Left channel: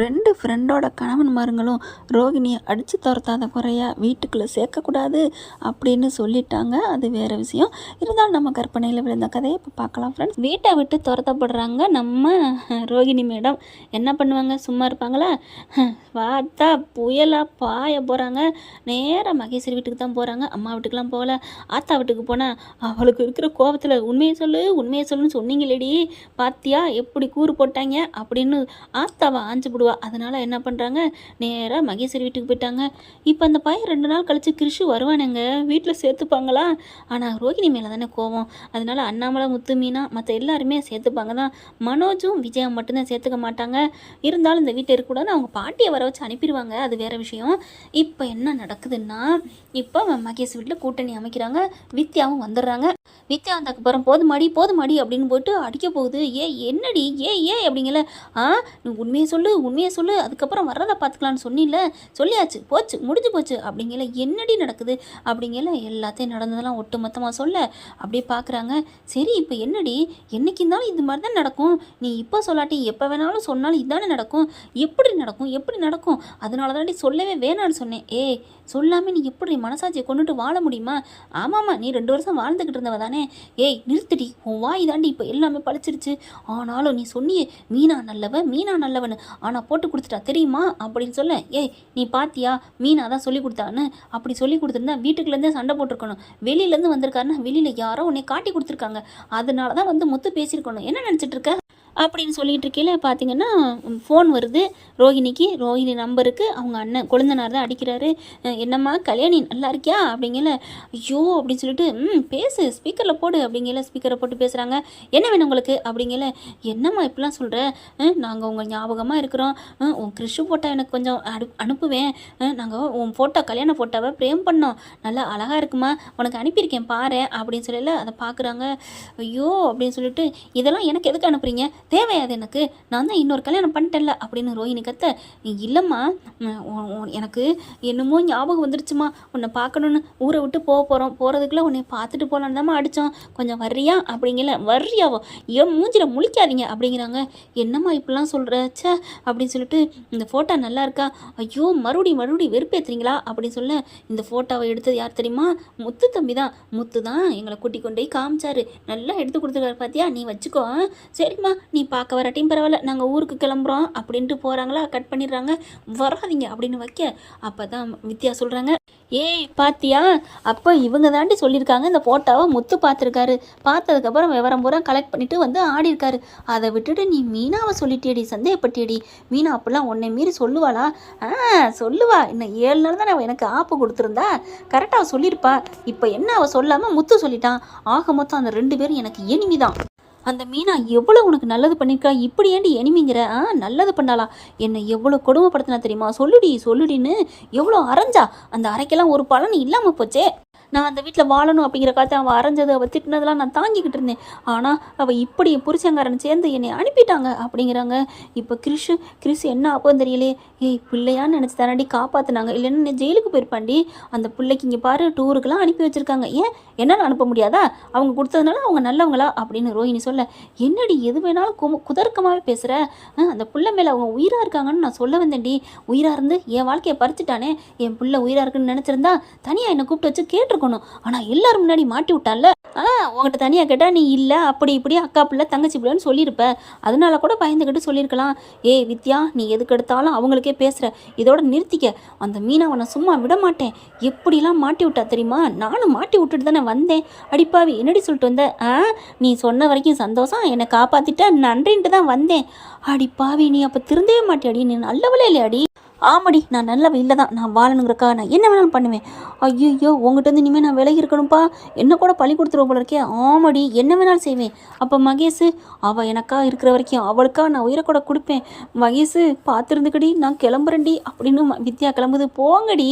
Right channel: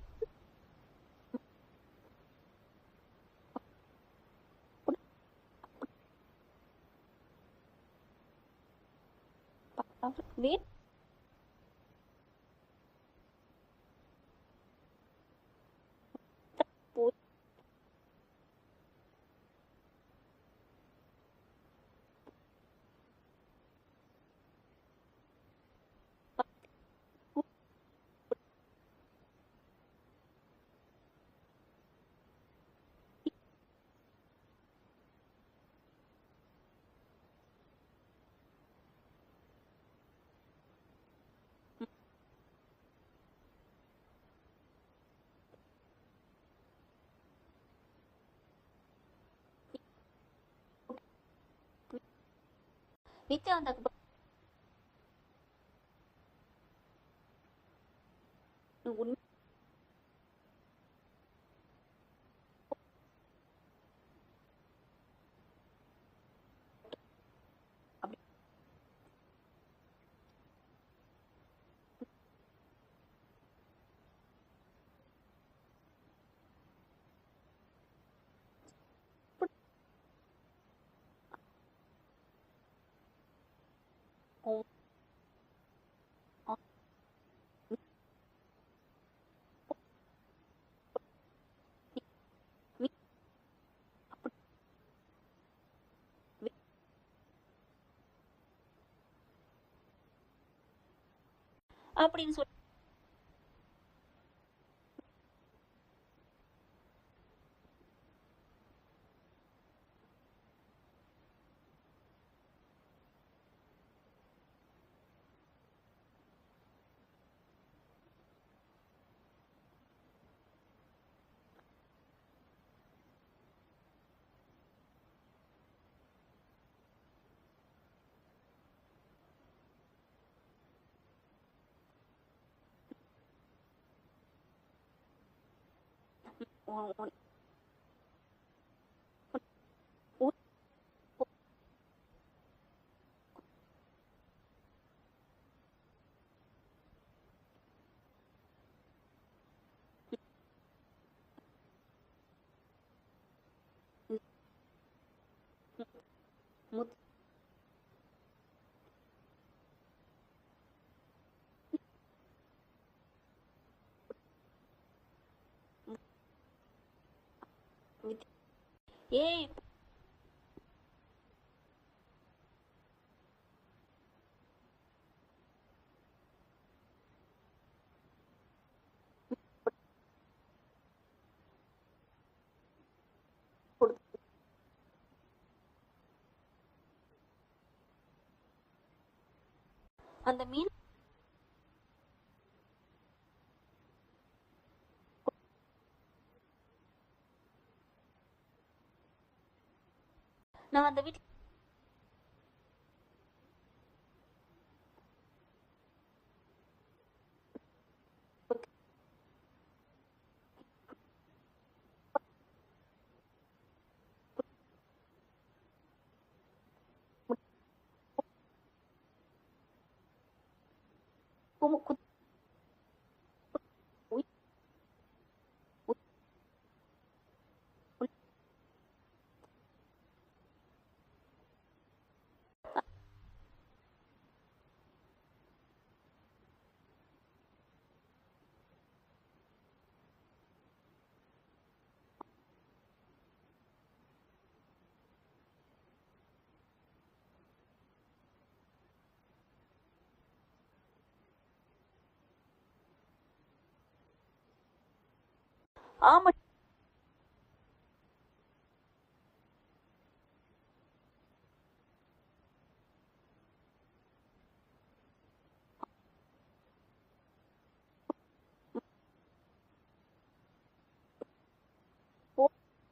ரெண்டு ஃப்ரெண்டோட கணவன்மாருங்களும் ரோகிணியை அடித்து துரத்தாத குறையாக வீட்டுக்குள்ளே சேர்க்கக்கூடாது அப்படின்னு சொல்லிட்டாங்க. அது வேறு விஷயம். இருந்தாலும் நம்ம கற்பனையில் விழுந்த கதையை இப்போ பார்க்கலாம் ஃப்ரெண்ட்ஸ் வீட்டை விட்டு துரத்தப்படுறாங்க நம்ம ரோகிணி மேடம். என்ன பண்ணுவாங்க? சும்மா இருப்பாங்களா? பார்த்தா புயலாக பாய போகிறாங்க நேராக மகேஸ்வரி வீட்டுக்கு தான் போகிறாங்க அம்மா வீட்டுக்கெலாம் போகல. ஆத்தா வீட்டுக்கு போனால் அவளுக்கு இருக்கிற கோபத்தில் உண்மையை சொல்லு உண்மையை சொல்லுன்னு சொன்னீங்களேடி பாத்தியா? எப்படி கூறு போட்டாங்க? அப்படின்னு ஆத்தாவை ஆஞ்சு போடுவா. அதனால் என்ன பண்ணுறாங்க நேராக மகேஸ்வரி வீட்டுக்கு போயிட்டாங்க. இப்போ அந்த பையன் ரெண்டு நாள் கழித்து கிருஷி வருவானுங்க. வீட்டில் சேர்த்துப்பாங்களா? ஆனால் ரோகிணி மேலே தானே கோவம். அதனால் அண்ணாமலை முத்து மீனா மற்ற எல்லாருமே சேர்த்துப்பாங்க தான். மனோஜும் விஜயா மட்டும்தான் சேர்த்துக்க மாட்டாங்க. இருந்தாலும் இந்த வீட்டில் இருக்கக்கூடாதுன்னு அவங்க பாட்டியை வர வச்சு அனுப்பிடுவாங்க. அது வேறு விஷயம். இப்போ என்ன நடக்குதுன்னா இப்போ மகேஷ் வீட்டில் கூட்டணி அமைக்கிறாங்க. வித்யாவும் வந்துடுறாங்க. வித்யா வந்ததுக்கப்புறம் போதுமாடி போதுமாடி அப்படின்னு போட்டு அடிக்க போகுது. ஏ என்னடி? ஏ ஏ அப்படிங்கல. ஆ? நீ உண்மையை சொல்லு. உண்மையை சொல்லு அதுக்கப்புறம் வர்றதை பார்த்துக்கலான்னு சொன்னில சொல்லியாச்சு போச்சு முடிஞ்சு போச்சு. அப்படிங்கல என்னடி நடக்குது? அப்படிங்கல எல்லாத்தையும் நடந்ததெல்லாம் ஒட்டு மொத்தமாக சொல்ல அப்படியே பார்க்குறாங்க சரி இப்போ என்னடி? என்னைக்கு இருந்தாலும் இது மாதிரி தான் நடக்கும். நீ இப்போ சொல்லாட்டி எப்போ வேணாலும் சொன்னாலும் இதானே நடக்கும். எப்படி நடக்கும்? எப்படி நடக்கும்? அதனால தாண்டி சொல்லவே வேணான்னு சொன்னேன். ஏய் சொல்லாமல் நீ எப்படி மனசாட்சியை கொண்டுட்டு வாழ முடியுமா? ஆமாம்மா நீ ரெண்டு வருஷம் வாழ்ந்துக்கிட்டு இருந்தவ தானே. ஏய் நிறுத்திடி. உன் வாய் தாண்டி இப்போ எல்லாமே பழிச்சிருச்சு ஆனாலும் நீ சொன்னியே மீனா நல்லவ மீனா நல்லவன் ஆனால் நான் போட்டு கொடுத்துட்டா தெரியுமா? அப்படின்னு சொல்ல ஏய் நீ பாத்தியா? மீனா தான் சொல்லி கொடுத்தான்னு அப்படி சொல்லி கொடுத்துருந்தா வீட்டுக்குள்ளேருந்தே சண்டை போட்டிருக்கணும். வெளியிலேருந்து வந்திருக்காருன்னா வெளியில் யாரோ உன்னை காட்டி கொடுத்துருக்காங்க. அதனால தான் வந்து முத்து பேசியிருக்கணும். என்ன நினச்சிட்டு இருக்க? அப்படின்னு சொல்லிட்டு இருக்கையில் பார்த்தீங்கன்னா ஃபோன் வருது. ரோஹிணிக்கு ரோஹிணி நம்பருக்கு அவங்க அண்ணன் கொழுந்தனார் தான் அடிக்கிறாரு. என்னம்மா கல்யாணி நல்லா இருக்கியா? அப்படிங்கல ஐயோ அப்படின்னு சொல்லிட்டு ம் பேசு ஸ்பீக்கரில் போடு அப்படிங்கல ஸ்பீக்கரை போட்டு பேசுகிறாங்க என்ன வேணும் உங்களுக்கு? அப்படிங்கல என்னம்மா இப்படிலாம் சொல்கிற நாங்கள் உங்கள் ஞாபகமாக இருக்கிறோம். உன் கிறிஷு ஃபோட்டோ எனக்கு கொஞ்சம் அனு அனுப்புவேன். நாங்கள் உன் ஃபோட்டோ கல்யாண ஃபோட்டோவை ப்ரேம் பண்ணோம். நல்லா அழகாக இருக்குமா? உனக்கு அனுப்பியிருக்கேன் பாரு அப்படின்னு சொல்லல அதை பார்க்குறாங்க ஐயோ அப்படின்னு சொல்லிட்டு இதெல்லாம் எனக்கு எதுக்கு அனுப்புறீங்க? தேவையாது எனக்கு. நான் தான் இன்னொரு கல்யாணம் பண்ணிட்டேன்ல அப்படின்னு ரோஹிணி கத்த இல்லைம்மா எனக்கு என்னமோ ஞாபகம் வந்துருச்சுமா. உன்னை பார்க்கணுன்னு ஊரை விட்டு போக போகிறோம் போகிறதுக்குள்ளே உன்னை பார்த்துட்டு போகலான்னு தாம்மா அடித்தோம் கொஞ்சம் வர்றியா? அப்படிங்கல வர்றியாவோ ஏன் மூஞ்சில் முழிக்காதீங்க அப்படிங்கிறாங்க. என்னம்மா இப்படிலாம் சொல்கிறச்ச அப்படின்னு சொல்லிட்டு இந்த ஃபோட்டோ நல்லா இருக்கா? ஐயோ மறுபடியும் மறுபடியும் வெறுப்பேற்றுறீங்களா அப்படின்னு சொல்ல இந்த ஃபோட்டோவை எடுத்தது யார் தெரியுமா? முத்து தம்பி தான். முத்து தான்? எங்களை கூட்டி கொண்டு போய் காமிச்சாரு. நல்லா எடுத்து கொடுத்துருக்காரு பார்த்தியா நீ வச்சுக்கோ சரிம்மா நீ பார்க்க வராட்டியும் பரவாயில்ல. நாங்கள் ஊருக்கு கிளம்புறோம். அப்படின்ட்டு போகிறாங்களா கட் பண்ணிடுறாங்க. வராதிங்க அப்படின்னு வைக்க அப்போ தான் வித்யா சொல்கிறாங்க ஏய் பாத்தியா? அப்போ இவங்க தாண்டி சொல்லியிருக்காங்க. இந்த ஃபோட்டோவை முத்து பார்த்துருக்காரு. பார்த்ததுக்கப்புறம் விவரம் பூரா கலெக்ட் பண்ணிட்டு வந்து ஆடிருக்காரு அதை விட்டுட்டு நீ மீனாவை சொல்லிட்டேடி சந்தேகப்பட்டியடி? மீனா அப்படிலாம் உன்னை மீறி சொல்லுவாளா? ஆ சொல்லுவா. இன்னும் ஏழு நாள் தான் அவள் எனக்கு ஆப்பு கொடுத்துருந்தா. கரெக்டாக அவள் சொல்லியிருப்பா. இப்போ என்ன அவள் சொல்லாமல் முத்து சொல்லிட்டான்? ஆக மொத்தம் அந்த ரெண்டு பேரும் எனக்கு எனிமி தான். அந்த மீனா எவ்வளோ உனக்கு நல்லது பண்ணியிருக்கா இப்படி ஏண்டி எனிமிங்கிற? ஆ நல்லது பண்ணாளா. என்னை எவ்வளோ கொடுமைப்படுத்தினா தெரியுமா? சொல்லுடி சொல்லுடின்னு எவ்வளோ அரைஞ்சா? அந்த அரைக்கெல்லாம் ஒரு பலன் இல்லாமல் போச்சே. நான் அந்த வீட்டில் வாழணும் அப்படிங்கிற காலத்தை அவள் அரைஞ்சது அவள் திட்டினதெல்லாம் நான் தாங்கிக்கிட்டு இருந்தேன். ஆனால் அவள் இப்படி என் புருஷங்காரன் சேர்ந்து என்னை அனுப்பிட்டாங்க அப்படிங்கிறாங்க. இப்போ கிறிஷு கிறிஷ் என்ன ஆப்போம் தெரியலையே ஏய் பிள்ளையான்னு நினச்சி தானடி காப்பாற்றினாங்க இல்லைன்னா நீ ஜெயிலுக்கு போயிருப்பாண்டி. அந்த பிள்ளைக்கு இங்கே பாரு டூருக்கெல்லாம் அனுப்பி வச்சுருக்காங்க. ஏன்? என்னால் அனுப்ப முடியாதா? அவங்க கொடுத்ததுனால அவங்க நல்லவங்களா? அப்படின்னு ரோஹிணி சொல்ல என்னடி எது வேணாலும் கு குதர்க்கமாகவே பேசுகிற அந்த பிள்ளை மேலே அவங்க உயிராக இருக்காங்கன்னு நான் சொல்ல வந்தேன்டி. உயிராக இருந்து என் வாழ்க்கையை பறிச்சுட்டானே. என் பிள்ளை உயிராக இருக்குன்னு நினச்சிருந்தா தனியாக என்னை கூப்பிட்டு வச்சு இருக்கணும் ஆனால் எல்லாரும் முன்னாடி மாட்டி விட்டால உங்கள்கிட்ட தனியாக கேட்டால் நீ இல்லை அப்படி இப்படி அக்கா பிள்ளை தங்கச்சி பிள்ளைன்னு சொல்லியிருப்ப அதனால கூட பயந்துக்கிட்டு சொல்லியிருக்கலாம் ஏய் வித்யா நீ எதுக்கு எடுத்தாலும் அவங்களுக்கே பேசுகிற இதோட நிறுத்திக்க. அந்த மீனாவை நான் சும்மா விட மாட்டேன். எப்படிலாம் மாட்டி விட்டா தெரியுமா? நானும் மாட்டி விட்டுட்டு தானே வந்தேன். அடிப்பாவி என்னடி சொல்லிட்டு வந்த? ஆ நீ சொன்ன வரைக்கும் சந்தோஷம். என்னை காப்பாற்றிட்ட நன்றின்ட்டு தான் வந்தேன். அடிப்பாவி நீ அப்போ திருந்தவே மாட்டியாடி? நீ நல்லவளே இல்லையாடி? ஆமாடி நான் நல்ல இல்லை தான் நான் வாழணுங்கிறக்கா நான் என்ன வேணாலும் பண்ணுவேன். ஐயோ உங்ககிட்ட இருந்து இனிமேல் நான் விலகி இருக்கணும்ப்பா என்ன கூட பழி கொடுத்துருவோம் போல இருக்கே. ஆமாடி என்ன வேணாலும் செய்வேன். அப்போ மகேஷ் அவள் எனக்கா இருக்கிற வரைக்கும் அவளுக்கா நான் உயிரை கூட கொடுப்பேன். மகேஷ் பார்த்துருந்துக்கடி நான் கிளம்புறேன்டி அப்படின்னு வித்யா கிளம்புது. போங்கடி.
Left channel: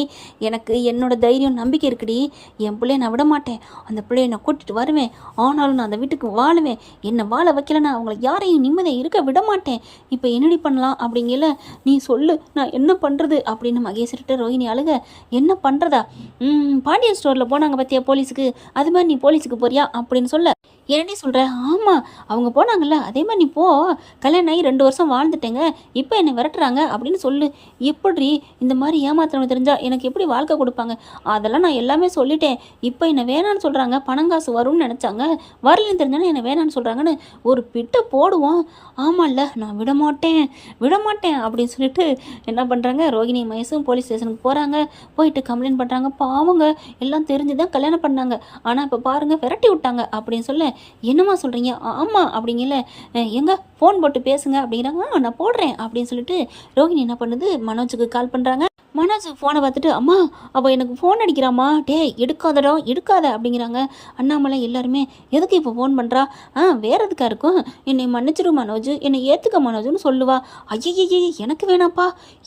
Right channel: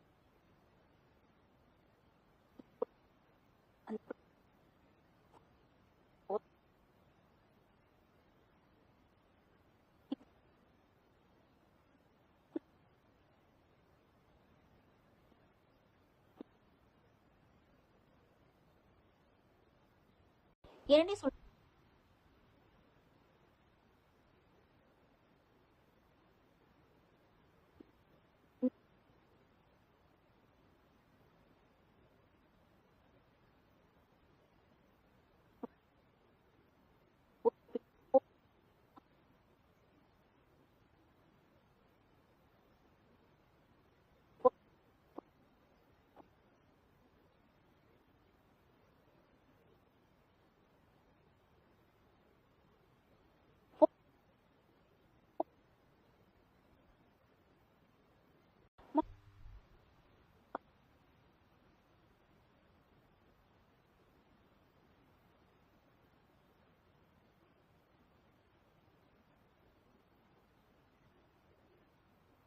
எனக்கு என்னோட தைரியம் நம்பிக்கை இருக்குடி. என் பிள்ளைய நான் விட மாட்டேன். அந்த பிள்ளைய நான் கூட்டிட்டு வருவேன். ஆனாலும் நான் அந்த வீட்டுக்கு வாழுவேன். என்னை வாழ வைக்கலன்னா அவங்கள யாரையும் நிம்மதியாக இருக்க விட மாட்டேன். இப்போ என்னடி பண்ணலாம் அப்படிங்கல நீ சொல்லு. நான் என்ன பண்ணுறது அப்படின்னு மகேஸ்வர்கிட்ட ரோஹிணி அழுக. என்ன பண்ணுறதா பாண்டியன் ஸ்டோரில் போனாங்க பார்த்தியா போலீஸுக்கு? அது மாதிரி நீ போலீஸுக்கு போறியா? அப்படின்னு சொல்ல. என்னடி சொல்கிற ஆமாம் அவங்க போனாங்கல்ல. அதே மாதிரி நீ போ. கல்யாணம் ஆகி ரெண்டு வருஷம் வாழ்ந்துட்டேங்க. இப்போ என்னை விரட்டுறாங்க அப்படின்னு சொல்லு. எப்படி இந்த மாதிரி ஏமாத்துறவங்க தெரிஞ்சால் எனக்கு எப்படி வாழ்க்கை கொடுப்பாங்க? அதெல்லாம் நான் எல்லாமே சொல்லிட்டேன். இப்போ என்னை வேணான்னு சொல்கிறாங்க பணம் காசு வரும்னு நினச்சாங்க. வரலன்னு தெரிஞ்சானே என்னை வேணான்னு சொல்கிறாங்கன்னு ஒரு பிட்டை போடுவோம். ஆமாம்ல நான் விட மாட்டேன் விட மாட்டேன் அப்படின்னு சொல்லிட்டு என்ன பண்ணுறாங்க ரோகிணி மயசும் போலீஸ் ஸ்டேஷனுக்கு போகிறாங்க போயிட்டு கம்ப்ளைண்ட் பண்ணுறாங்க பாவங்க எல்லாம் தெரிஞ்சு தான் கல்யாணம் பண்ணாங்க. ஆனால் இப்போ பாருங்கள் விரட்டி விட்டாங்க அப்படின்னு சொல்ல என்னம்மா சொல்கிறீங்க ஆமாம் அப்படிங்கல. எங்க? ஃபோன் போட்டு பேசுங்க அப்படிங்கிறாங்க. "ஆ, நான் போடுறேன் அப்படின்னு சொல்லிட்டு ரோஹிணி என்ன பண்ணுது? மனோஜுக்கு கால் பண்ணுறாங்க மனோஜ் ஃபோனை பார்த்துட்டு அம்மா அவள் எனக்கு ஃபோன் அடிக்கிறாம்மா. டே எடுக்காதடா எடுக்காத அப்படிங்கிறாங்க. அண்ணாமலை எல்லாருமே எதுக்கு இப்போ ஃபோன் பண்ணுறா ஆ வேற எதுக்காக இருக்கும்? என்னை மன்னிச்சிரு மனோஜ். என்னை ஏற்றுக்க மனோஜ்னு சொல்லுவா. ஐயையே எனக்கு வேணாப்பா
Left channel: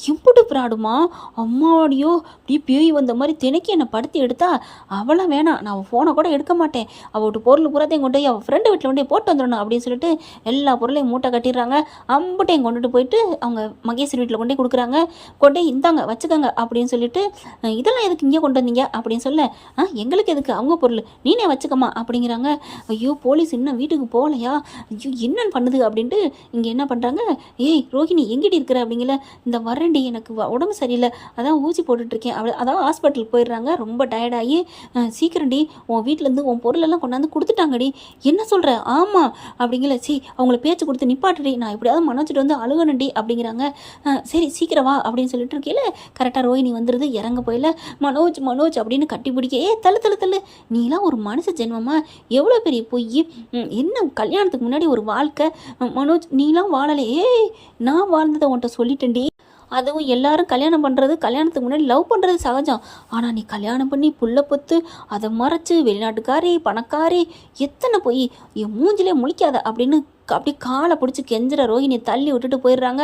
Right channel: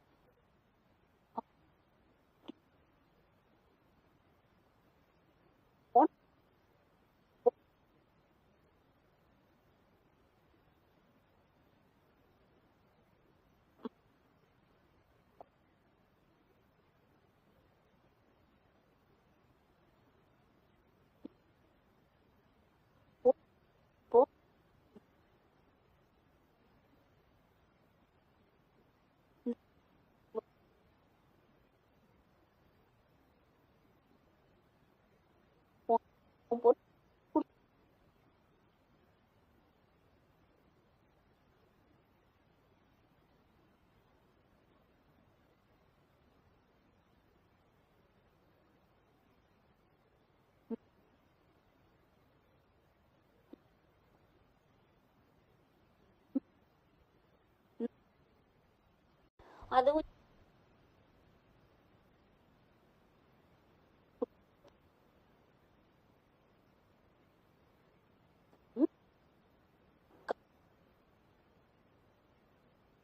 இம்புட்டு பிராடுமா? அம்மாடியோ இப்படி பேய் வந்த மாதிரி தினைக்கு என்னை படுத்தி எடுத்தா அவளாம் வேணாம். நான் அவள் ஃபோனை கூட எடுக்க மாட்டேன். அவட்டு பொருள் பூராத்தையும் கொண்டு போய் அவள் ஃப்ரெண்டு வீட்டில் கொண்டு போய் போட்டு வந்துடணும் அப்படின்னு சொல்லிட்டு எல்லா பொருளையும் மூட்டை கட்டிடுறாங்க. அம்புட்டையும் கொண்டுட்டு போயிட்டு அவங்க மகேஸ்வரி வீட்டில் கொண்டு போய் கொடுக்குறாங்க. கொண்டு போய் இந்தாங்க வச்சுக்கோங்க அப்படின்னு சொல்லிட்டு இதெல்லாம் எதுக்கு இங்கே கொண்டு வந்தீங்க? அப்படின்னு சொல்ல ஆ எங்களுக்கு எதுக்கு? அவங்க பொருள். நீனே வச்சுக்கம்மா. அப்படிங்கிறாங்க. ஐயோ போலீஸ் இன்னும் வீட்டுக்கு போகலையா? ஐயோ என்னன்னு பண்ணுது? அப்படின்ட்டு இங்கே என்ன பண்ணுறாங்க ஏய் ரோஹிணி எங்கிட்ட இருக்கிற? அப்படிங்கல. இந்த வரண்டி எனக்கு வ- உடம்பு சரியில்லை. அதான் ஊசி போட்டுட்ருக்கேன். அப்படி அதான் ஹாஸ்பிட்டலுக்கு போயிடுறாங்க. ரொம்ப டயர்டாகி சீக்கிரம்டி. உன் வீட்டிலேருந்து உன் பொருளெல்லாம் கொண்டாந்து கொடுத்துட்டாங்கடி. என்ன சொல்கிற ஆமாம் அப்படிங்கல. சி அவங்கள பேச்சு கொடுத்து நிப்பாட்டுடி. நான் எப்படியாவது மனோஜிட்டு வந்து அழுகணுண்டி அப்படிங்கிறாங்க. சரி சீக்கிரம் வா. அப்படின்னு சொல்லிட்டு இருக்கையில் கரெக்டாக ரோஹிணி வந்துடுது இறங்க போயில மனோஜ் மனோஜ் அப்படின்னு கட்டி பிடிக்க ஏ தள்ளு தள்ளு தள்ளு நீலாம் ஒரு மனுஷ ஜென்மமா? எவ்வளோ பெரிய பொய்? என்ன கல்யாணத்துக்கு முன்னாடி ஒரு வாழ்க்கை? மனோஜ் நீலாம் வாழலை. ஏய் நான் வாழ்ந்ததை உன்கிட்ட சொல்லிட்டேன்டி. அதுவும் எல்லாரும் கல்யாணம் பண்ணுறது கல்யாணத்துக்கு முன்னாடி லவ் பண்ணுறது சகஜம். ஆனால் நீ கல்யாணம் பண்ணி புள்ள பொத்து அதை மறைச்சு வெளிநாட்டுக்காரி பணக்காரி எத்தனை போய்? என் மூஞ்சிலே முழிக்காத அப்படின்னு அப்படி அப்படியே காலை பிடிச்சி கெஞ்சுற ரோஹினி தள்ளி விட்டுட்டு போயிடுறாங்க.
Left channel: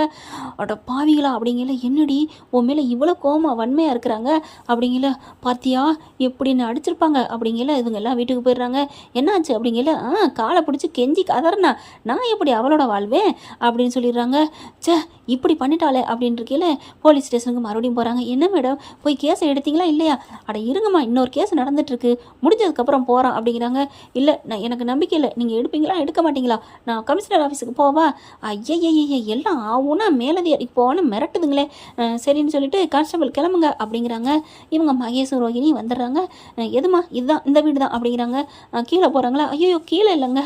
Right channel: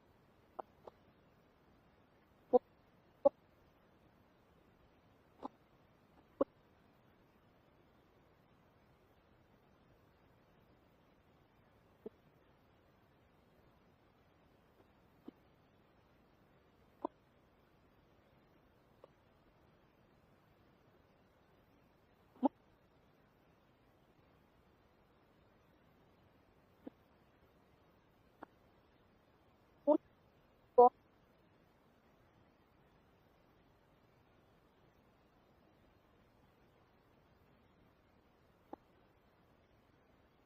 அட பாவிங்களா அப்படிங்கல என்னடி உன் மேலே இவ்வளோ கோமா வன்மையாக இருக்கிறாங்க? அப்படிங்கல பார்த்தியா எப்படின்னு அடிச்சிருப்பாங்க. அப்படிங்கல இவங்க எல்லாம் வீட்டுக்கு போயிடுறாங்க. என்னாச்சு? அப்படிங்கல ஆ காலை பிடிச்சி கெஞ்சி கதறனா நான் எப்படி அவளோட வாழ்வேன்? அப்படின்னு சொல்லிடுறாங்க. ச்சே இப்படி பண்ணிட்டாளே அப்படின்னு இருக்கையில போலீஸ் ஸ்டேஷனுக்கு மறுபடியும் போகிறாங்க என்ன மேடம் போய் கேஸை எடுத்தீங்களா இல்லையா? அட இருங்கம்மா இன்னொரு கேஸ் நடந்துட்டுருக்கு. முடிஞ்சதுக்கப்புறம் போகிறோம் அப்படிங்கிறாங்க. இல்லை நான் எனக்கு நம்பிக்கை இல்லை. நீங்கள் எடுப்பீங்களா எடுக்க மாட்டீங்களா? நான் கமிஷனர் ஆஃபீஸுக்கு போவா? ஐயய்யய்ய எல்லாம் ஆகும்னா மேலதிகாரி போகணும் மிரட்டுதுங்களே. சரின்னு சொல்லிட்டு கான்ஸ்டபிள் கிளம்புங்க அப்படிங்கிறாங்க. இவங்க மகேஷ் ரோஹிணி வந்துடுறாங்க. எதுமா இதுதான் இந்த வீடு தான் அப்படிங்கிறாங்க கீழே போகிறாங்களா ஐயோ கீழே இல்லைங்க.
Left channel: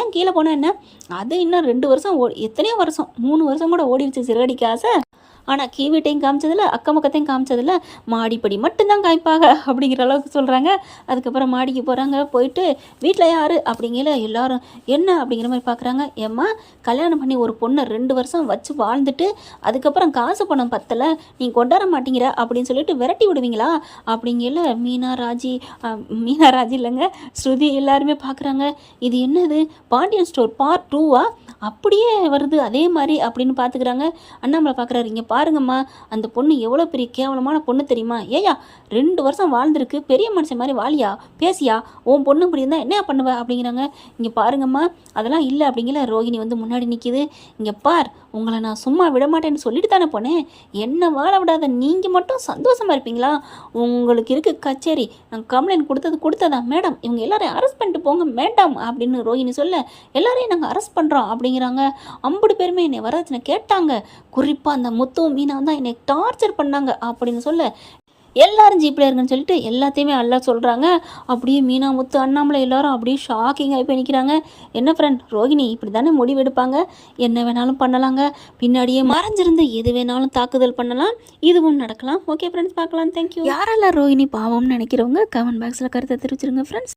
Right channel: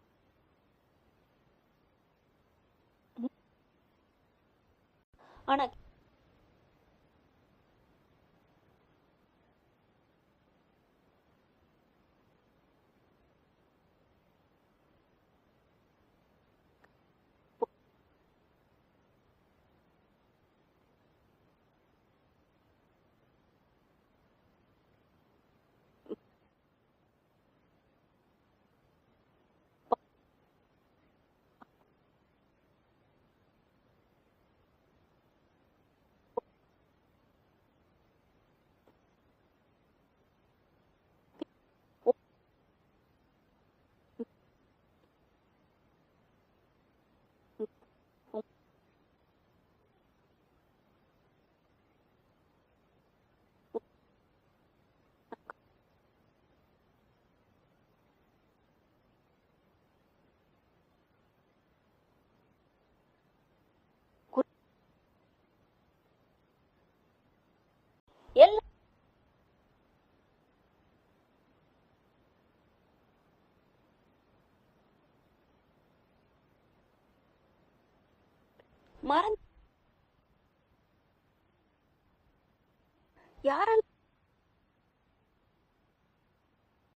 ஏன் கீழே போனால் என்ன? அது இன்னும் ரெண்டு வருஷம் ஓ எத்தனையோ வருஷம். மூணு வருஷம் கூட ஓடிடுச்சு சிறுகடிக்கு ஆசை ஆனால் கீ வீட்டையும் காமிச்சதில்ல அக்கம் பக்கத்தையும் காமிச்சதில்ல. மாடிப்படி மட்டும்தான் காய்ப்பாங்க அப்படிங்கிற அளவுக்கு சொல்கிறாங்க அதுக்கப்புறம் மாடிக்கு போகிறாங்க போயிட்டு வீட்டில் யார் அப்படிங்கிற எல்லாரும் என்ன? அப்படிங்கிற மாதிரி பார்க்குறாங்க ஏம்மா கல்யாணம் பண்ணி ஒரு பொண்ணை ரெண்டு வருஷம் வச்சு வாழ்ந்துட்டு அதுக்கப்புறம் காசு பணம் பத்தலை நீ கொண்டாட மாட்டேங்கிற அப்படின்னு சொல்லிட்டு விரட்டி விடுவீங்களா? அப்படிங்கல மீனா ராஜி மீனா ராஜி இல்லைங்க ஸ்ருதி எல்லாருமே பார்க்குறாங்க இது என்னது? பாண்டியன் ஸ்டோர் பார்ட் டூவா? அப்படியே வருது அதே மாதிரி அப்படின்னு பார்த்துக்கிறாங்க அண்ணாமலை பார்க்குறாரு இங்கே பாருங்கம்மா அந்த பொண்ணு எவ்வளோ பெரிய கேவலமான பொண்ணு தெரியுமா? ஏயா ரெண்டு வருஷம் வாழ்ந்திருக்கு பெரிய மனுஷன் மாதிரி வாழியா? பேசியா? உன் பொண்ணு இப்படி இருந்தால் என்ன பண்ணுவ? அப்படிங்கிறாங்க. இங்கே பாருங்கம்மா அதெல்லாம் இல்லை அப்படிங்கிற ரோகிணி வந்து முன்னாடி நிற்கிது இங்கே பார் உங்களை நான் சும்மா விட மாட்டேன்னு சொல்லிட்டு தானே போனேன். என்ன வாழ விடாத நீங்கள் மட்டும் சந்தோஷமா இருப்பீங்களா? உங்களுக்கு இருக்க கச்சேரி. நான் கம்ப்ளைண்ட் கொடுத்தது கொடுத்ததா? மேடம் இவங்க எல்லாரையும் அரெஸ்ட் பண்ணிட்டு போங்க. மேடம் அப்படின்னு ரோஹிணி சொல்ல எல்லாரையும் நாங்கள் அரெஸ்ட் பண்ணுறோம் அப்படிங்கிறாங்க. ஐம்பது பேருமே என்னை வரதட்சணை கேட்டாங்க. குறிப்பாக அந்த முத்து மீனா தான் என்னை டார்ச்சர் பண்ணாங்க அப்படின்னு சொல்ல எல்லாரும் ஜீப்பில் இருங்கன்னு சொல்லிட்டு எல்லாத்தையுமே அல்ல சொல்கிறாங்க அப்படியே மீனா முத்து அண்ணாமலை எல்லாரும் அப்படியே ஷாக்கிங்காகி போய் நிற்கிறாங்க என்ன ஃப்ரெண்ட் ரோஹிணி இப்படி தானே முடிவெடுப்பாங்க என்ன வேணாலும் பண்ணலாங்க. பின்னாடியே மறைஞ்சிருந்து எது வேணாலும் தாக்குதல் பண்ணலாம். இதுவும் நடக்கலாம். ஓகே ஃப்ரெண்ட்ஸ் பார்க்கலாம். தேங்க்யூ யாரெல்லாம் ரோஹிணி பாவம்னு நினைக்கிறவங்க கமெண்ட் பாக்ஸில் கருத்தை தெரிவிச்சிருங்க ஃப்ரெண்ட்ஸ்